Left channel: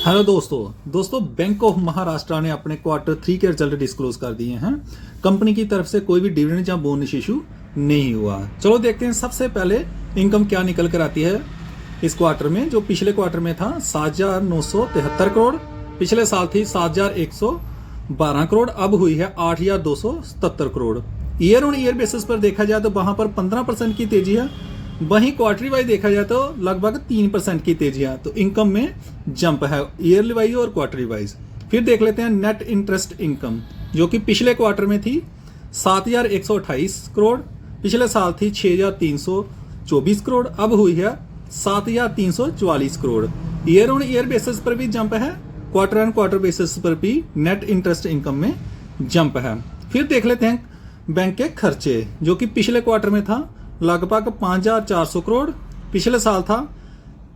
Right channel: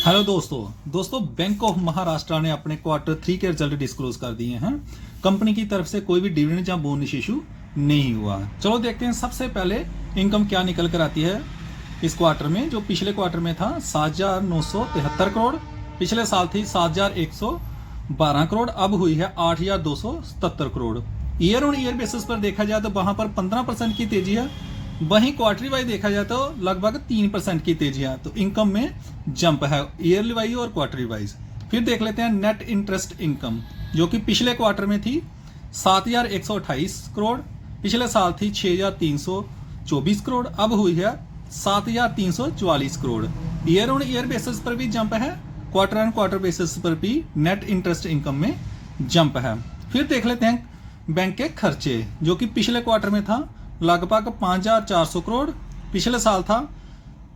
Hello दोस्तों bank of Maharashtra ने अपने क्वार्टर 3 के रिजल्ट डिस्क्लोज कर दिए हैं। कंपनी की तरफ से कोई भी डिविडेंड या बोनस इशू नहीं हुआ। चलो देखते हैं सबसे पहले इनकम क्या निकल कर आती है इस क्वार्टर में। जो पिछले क्वार्टर में था 7,973 करोड़, पिछले साल थी 7,112 करोड़, अब हुई है 8,277 crore. Year on year basis पर देखा जाए तो वहां पर 15% की तेजी है, वहीं क्वार्टरी वाइज देखा जाए तो लगभग 3% की तेजी है। तो इनकम में जंप है ईयरली वाइज और क्वार्टरी वाइज। फिर देख लेते हैं नेट इंटरेस्ट इनकम, जो कि पिछले क्वार्टर में थी 7,128 करोड़, पिछले साल थी 6,324 करोड़, अब हुई है 7,344 crore. Year on year basis पर भी जंप है, क्वार्टर एंड क्वार्टर बेसिस पर भी नेट इंटरेस्ट इनकम में जंप है। फिर देख लेते हैं बैंक के खर्चे, जो कि पिछले क्वार्टर में था लगभग 5,400 करोड़, पिछले साल था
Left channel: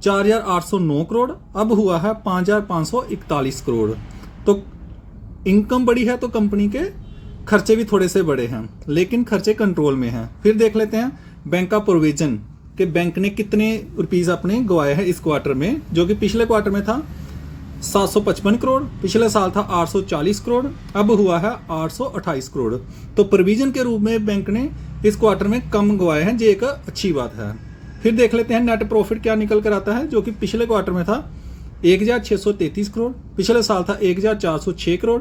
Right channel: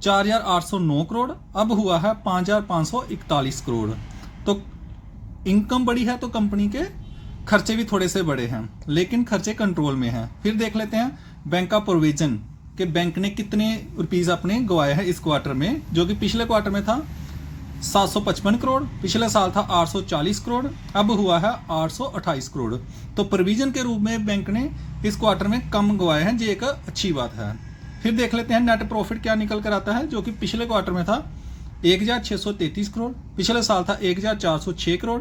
4,809 करोड़, अब हुआ है 5,541 करोड़। तो इनकम बड़ी है तो कंपनी के खर्चे भी थोड़े से बड़े हैं, लेकिन खर्चे कंट्रोल में हैं। फिर देख लेते हैं बैंक का प्रोविजन कि बैंक ने कितने रुपीज अपने गवाए हैं इस क्वार्टर में, जो कि पिछले क्वार्टर में था 755 करोड़, पिछले साल था 840 करोड़, अब हुआ है 828 करोड़। तो प्रोविजन के रूप में बैंक ने इस क्वार्टर में कम गवाए हैं, जो एक अच्छी बात है। फिर देख लेते हैं नेट प्रॉफिट क्या निकल कर आता है, जो कि पिछले क्वार्टर में था 1,633 करोड़, पिछले साल था 1,406 करोड़,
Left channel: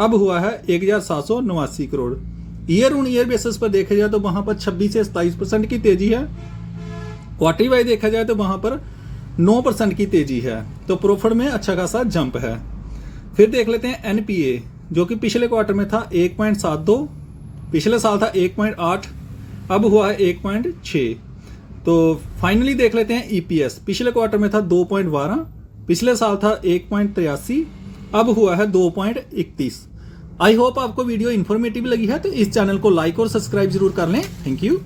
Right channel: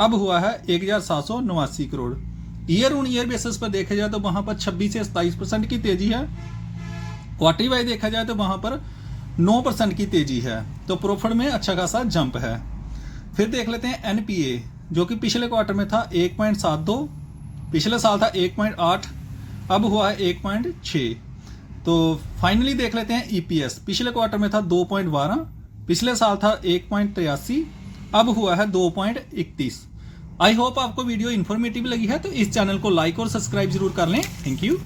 अब हुआ है 1,789 crore. Year on year basis पर देखा जाए तो वहां पर 26 से 27% की तेजी है, क्वार्टरी वाइज देखा जाए तो वहां पर 9% की तेजी है। तो प्रॉफिट में अच्छा खासा जंप है। फिर देख लेते हैं एनपीए, जो कि पिछले क्वार्टर में था 1.72, पिछले साल था 1.8, अब हुआ है 1.6। तो फाइनली देख लेते हैं ईपीएस, पिछले क्वार्टर में था 2.12, पिछले साल था 1.83, अब हुआ है 2.31। आई होप आपको वीडियो इन्फॉर्मेटिव लगी है, तो इस चैनल को लाइक और सब्सक्राइब जरूर कर लें। Thank you.